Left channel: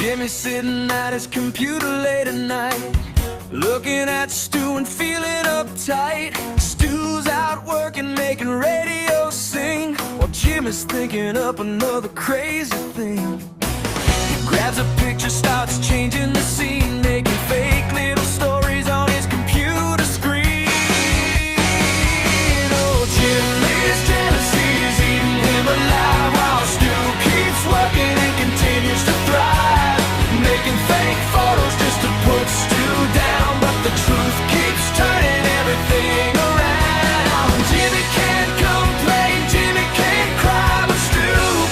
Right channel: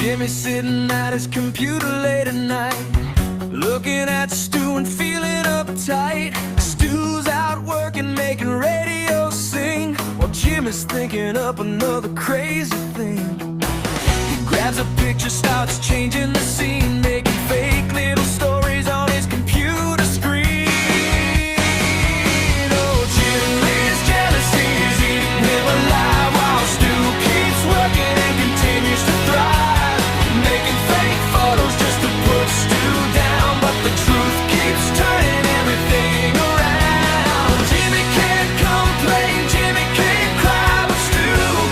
Jimmy's sitting at his computer late at night, looking at Stu and feeling uptight. Stu's out working, making radio sing, while Jimmy's thinking up another crazy thing. He grabs a picture, starts changing the scene, making fake little stories on his computer screen. Oh, Jimmy's jealousy is eating him alive, while Stu keeps working and continues to thrive, making fake photos just to put Stu down. But the truth keeps turning everything around. Jimmy can't complain, Jimmy can't cry, but Stu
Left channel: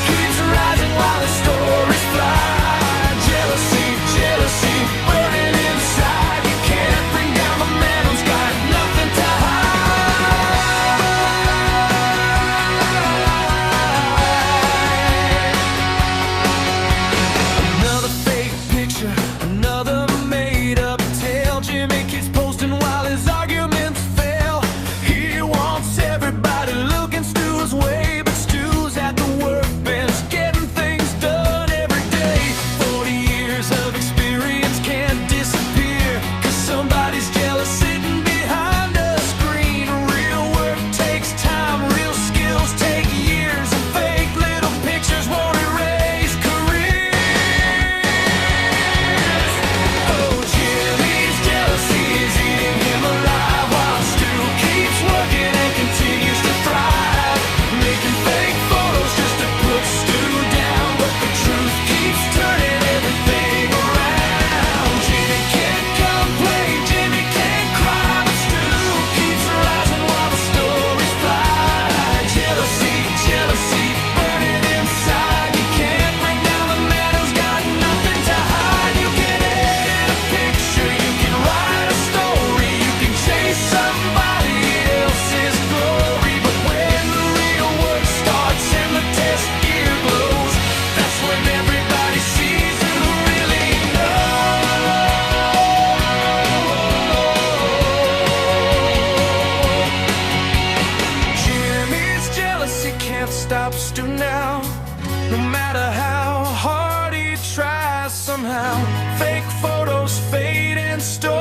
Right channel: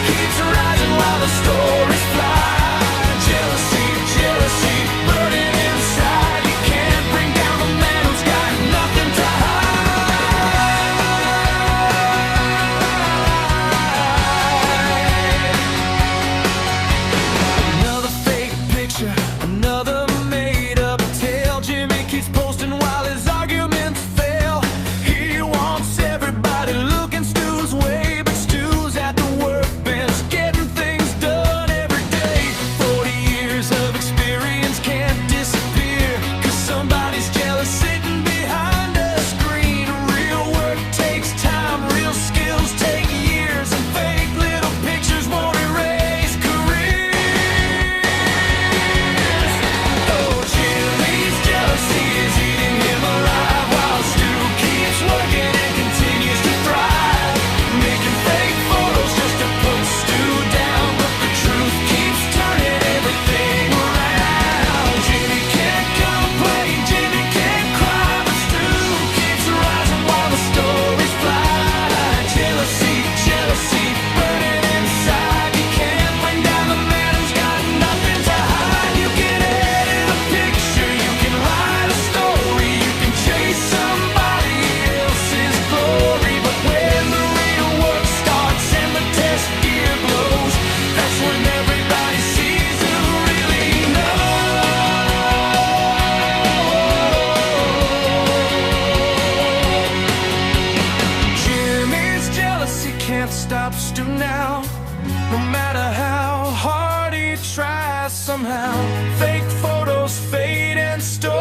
keeps rising while the stories fly. Jealousy, jealousy, burning inside. You can't bring down the man who's got nothing to hide. Another fake picture, another made-up tale. Jimmy keeps posting while his arguments fail. He wants everybody looking Stu's way, but Stu's at the workbench getting things done every day. 40 years of experience can't disappear, 'cause somebody's jealous sitting behind a screen. Real work takes time, real skills take years, and fake little pictures won't erase careers. Oh, Jimmy's jealousy is eating him alive, while Stu keeps working and continues to thrive, making fake photos just to put Stu down. But the truth keeps turning everything around. Jimmy can't complain, Jimmy can't cry, but Stu keeps rising while the stories fly. Jealousy, jealousy, burning inside. You can't bring down the man who's got nothing to hide. You can edit a picture, you can write a story, you can chase somebody else's glory, but when the real work starts and the test gear glows, that's when everybody sees who really knows. Jimmy's jealousy can't stop Stu now, no matter how hard he tries. Somehow fake photos fade and stories